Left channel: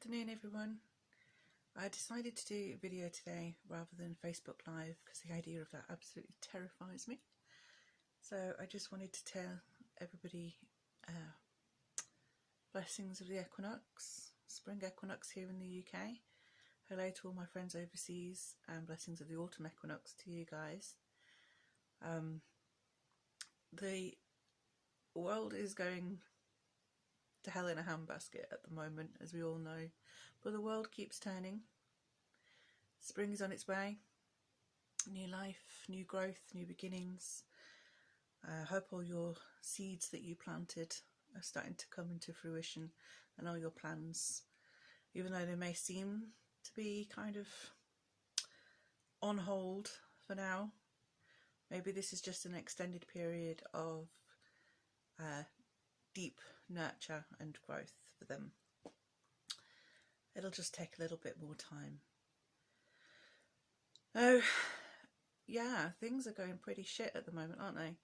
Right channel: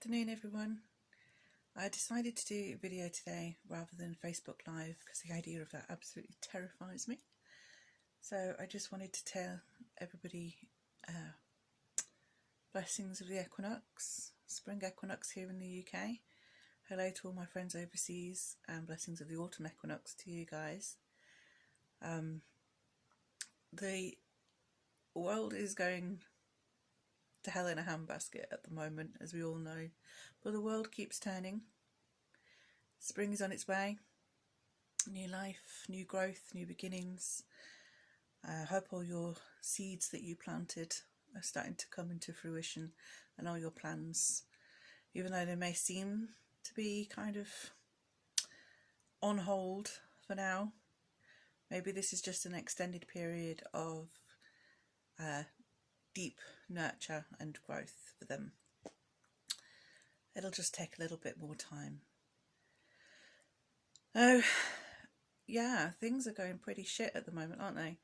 afternoon everyone. I decided to do a video today rather than Facebook Live because the idea of that absolutely terrifies me. So I just wanted to tell everybody blessings of the equinox, spring equinox here in the UK. Hello to all my friends overseas and blessings of the autumn equinox to you guys. The world is going to hell in a handbasket at the moment, as we all know, but the world keeps turning. Spring is on its way. New life, new growth, new beginnings. I hope all your seeds that you planted are starting to come into fruition, and all your plans, even though they may seem to be kind of on hold for now. Maybe this is just an extended period of deep nurture and growth for them. It'll just take a little bit more time. Oh, yeah, things are going pretty shit at the moment, aren't they?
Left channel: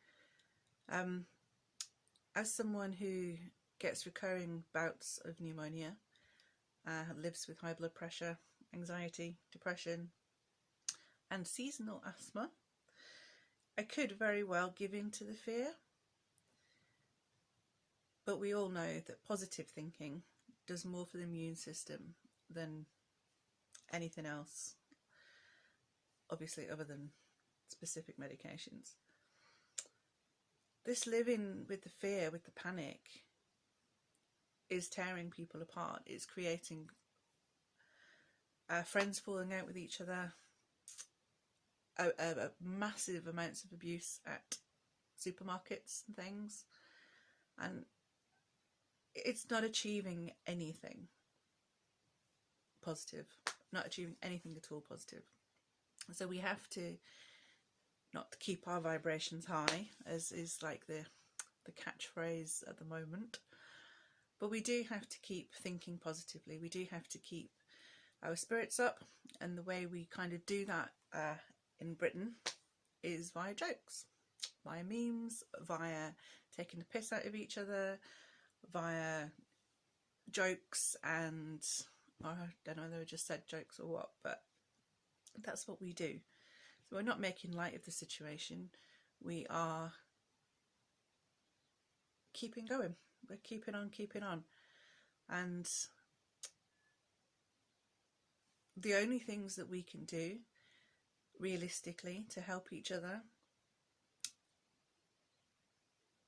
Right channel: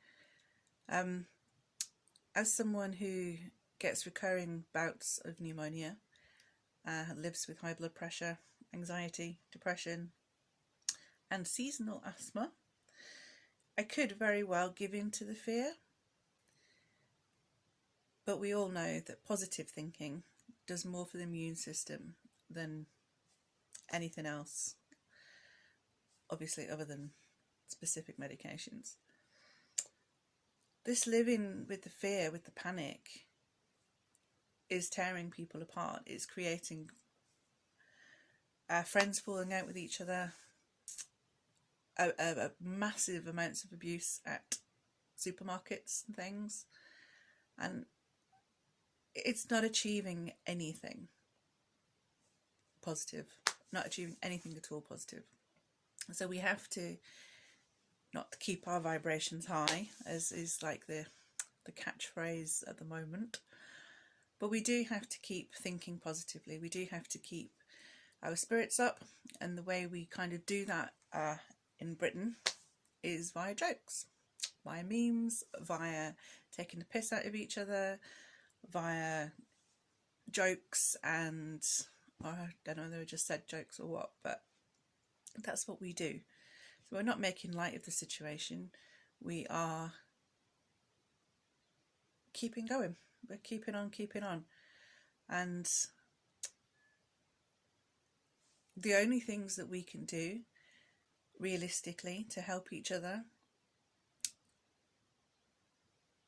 As someone who gets recurring bouts of pneumonia, lives with high blood pressure, anxiety, depression, and seasonal asthma, I could very well give in to the fear. But we all know that positive thinking does more for the immune system than anything else, obviously other than specific medications. This living with the fear, with the panic, is tearing people apart. It's creating friends falling out with each other, massive amounts of abuse at supermarkets and things, and it's not achieving anything positive, not achieving anything at all positive. So we have to not keep our vibrations high, as is like the catchphrase at the moment, but we do have to keep thinking positively. We do have to keep our spirits up, and the way we kind of do that in Britain is via jokes, via memes, via taking the piss out of each other, via jokes, and I don't know whether I just said jokes or what, but that's what we do. So we're not making light of the situation, we are keeping going, we're keeping on, and the only things that we can do realistically to help each other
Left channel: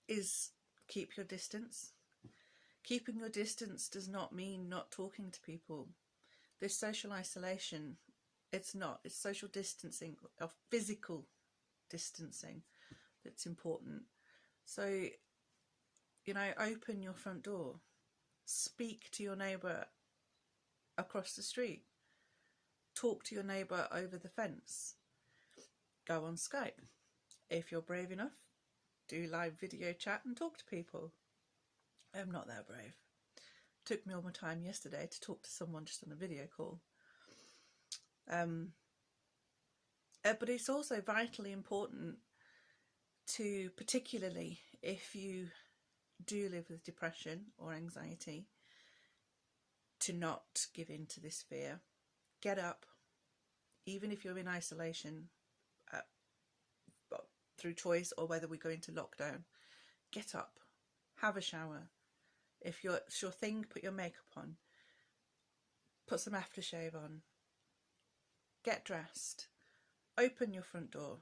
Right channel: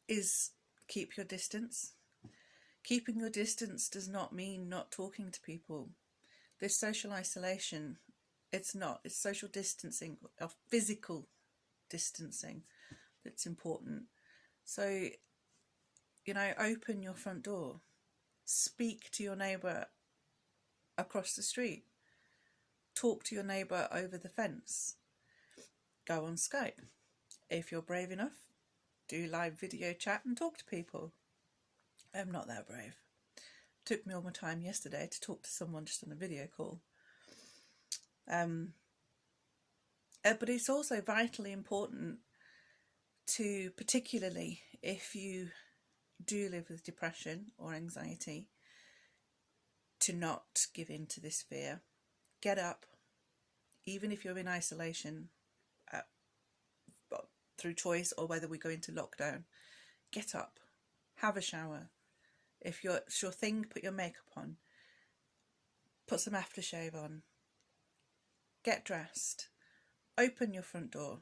is keep your distance. Keeping your distance does not mean not talking to people. This social isolation, it's not. It's social distancing, or physical distancing, that's important. So, you know, open your front door. Speak to your neighbour across the street. Talk to your neighbour over the fence. Go on Skype. If you're brave enough, do live video chat and talk to people. I'm not that brave. It took me all my time yesterday to talk to someone just on a video call. But it's also vitally important to, particularly if you do live with depression or anxiety, to not give in to this fear. Get up, even if you're in isolation, through choice or whether we go into lockdown. Get up, have a shower. If it's your thing, put your makeup on, put some aftershave on, get dressed, open your front door,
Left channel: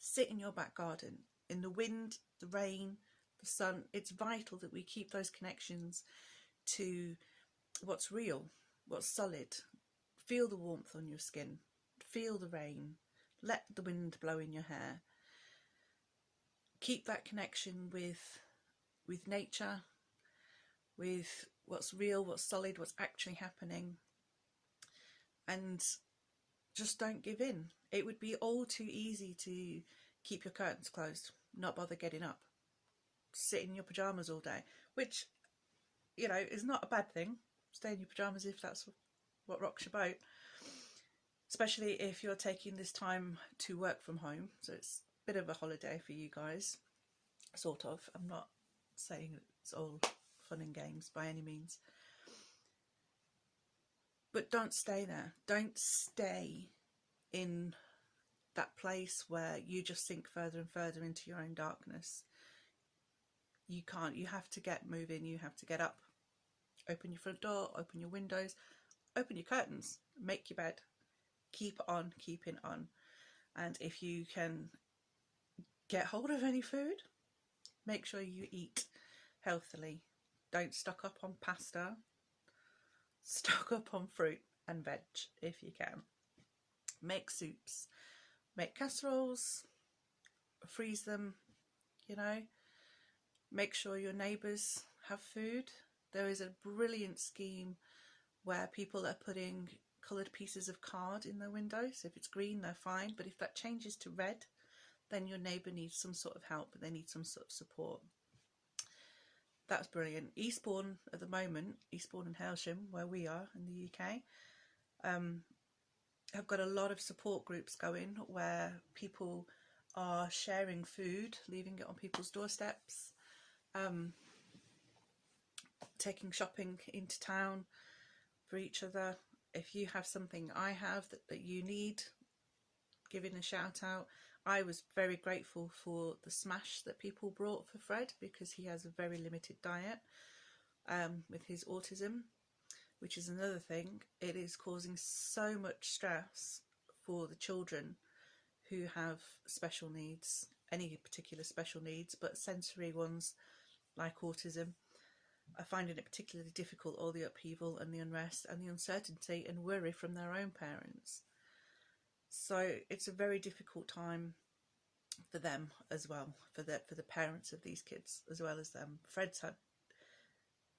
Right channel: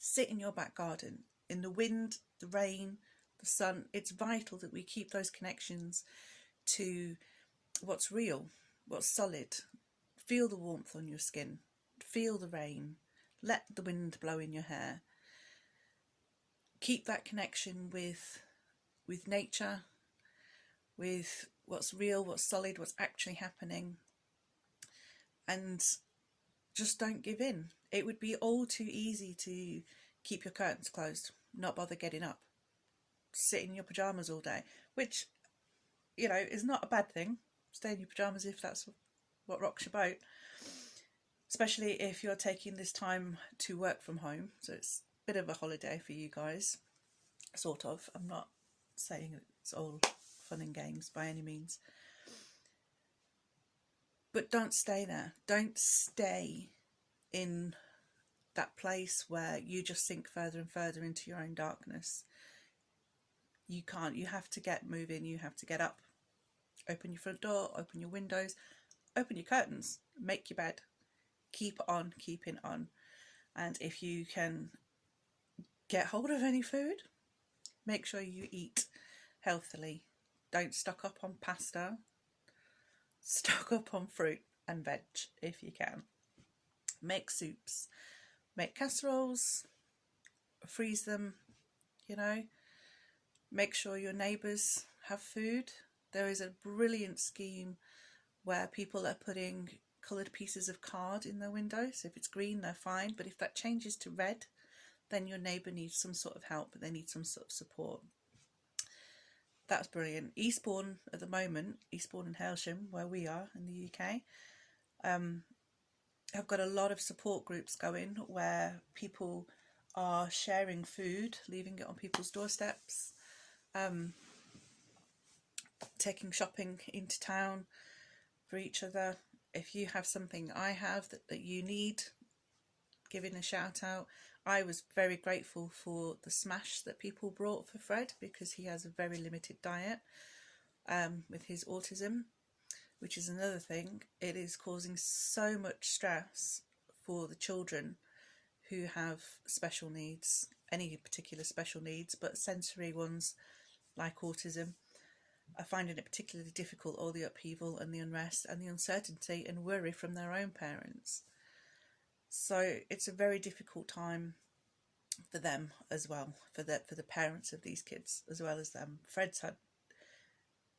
sit in your back garden, in the wind, the rain, the sun. It's vital that we keep those connections to what's real, what's solid. Feel the warmth on your skin, feel the rain, let the wind blow in your hair. Keep that connection with nature, with what's real, what's solid, what's actually happening, and just don't give in. It would be all too easy to keep your curtains closed, not bother getting up, sit in your pyjamas all day, which, you know, is not a bad thing. Stay in your pyjamas if that's what rocks your boat, especially if you're taking this time to work from home. So it's a bit of a holiday for you guys, sort of. I'm not saying it's all fun and games by any means. But don't stay there. Don't stay in that place where you just sink further and further into your own darkness. You can't. You have to get moving. You have to get up. Open your front door, open your windows, open your curtains, make your bed. Keep on keeping on. And if you can get hold of any food, make sure you eat healthily. Don't stock up on pasta. Stock up on fruit and veg if you can. Make soups. Make casseroles. Freeze them, you know. Make sure your neighbours have food. There is a brilliant scheme where people are putting coloured pieces of card in their windows. If it's green, they're fine. But if that changes to red, then your neighbour needs some sort of help. They need some sort of support. That's brilliant. Eastbourne at the moment, Eastbourne and Hailsham, where we are in the UK, have got a lot of support groups going where people are sharing food, leaving it on people's doorsteps, taking shopping into town for each other. If you have something I have that you need, giving a shout out. I was very grateful for the smash that people brought for Fred, because he has a very limited diet with his autism, which is another thing. It is causing so much stress for the children who have special needs, any particular special needs, but sensory ones like autism are finding it particularly difficult, all the upheaval and the unrest and the uncertainty and worry from their own parents. So it's a very difficult time for them as well, for the parents of these kids as well as them. Fred's had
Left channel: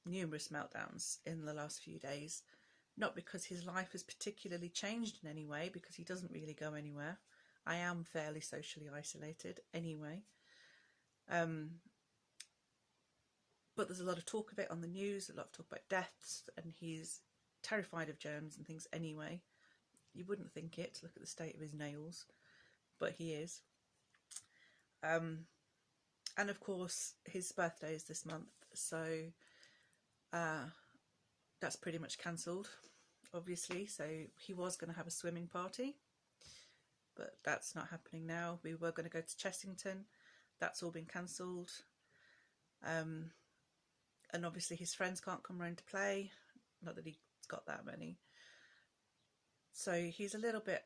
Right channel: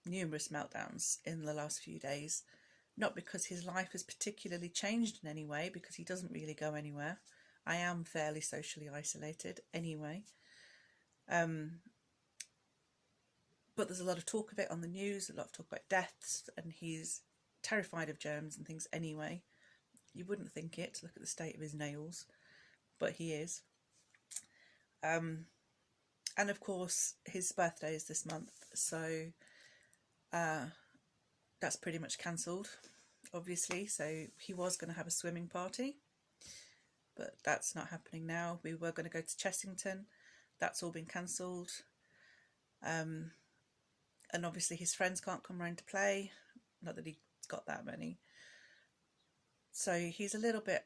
numerous meltdowns in the last few days, not because his life has particularly changed in any way, because he doesn't really go anywhere. I am fairly socially isolated anyway. But there's a lot of talk of it on the news, a lot of talk about deaths, and he's terrified of germs and things anyway. You wouldn't think it, to look at the state of his nails, but he is. And of course, his birthday is this month, so that's pretty much cancelled, obviously. So he was going to have a swimming party, but that's not happening now. We were going to go to Chessington. That's all been cancelled. And obviously his friends can't come round to play. Not that he's got that many. So he's a little bit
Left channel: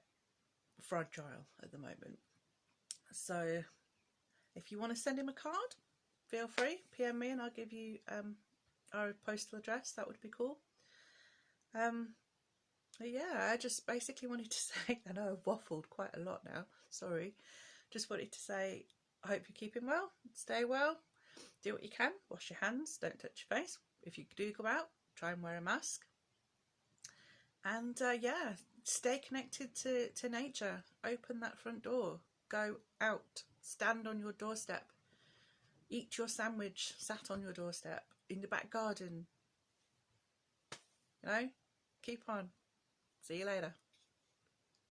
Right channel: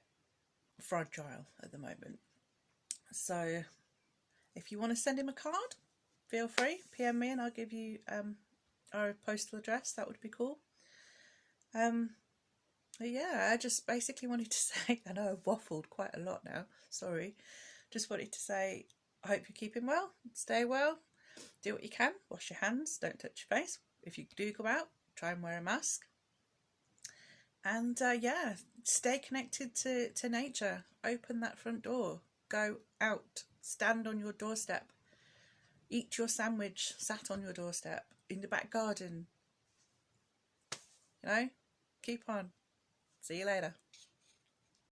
fragile at the moment. So if you want to send him a card, feel free. PM me and I'll give you our postal address. That would be cool. Yeah, I just basically wanted to say, I know I've waffled quite a lot now, sorry. Just wanted to say, I hope you're keeping well, stay well, do what you can, wash your hands, don't touch your face. If you do go out, try and wear a mask. And yeah, stay connected to nature. Open that front door, go out, stand on your doorstep, eat your sandwich sat on your doorstep, in the back garden. You know, keep on. See you later.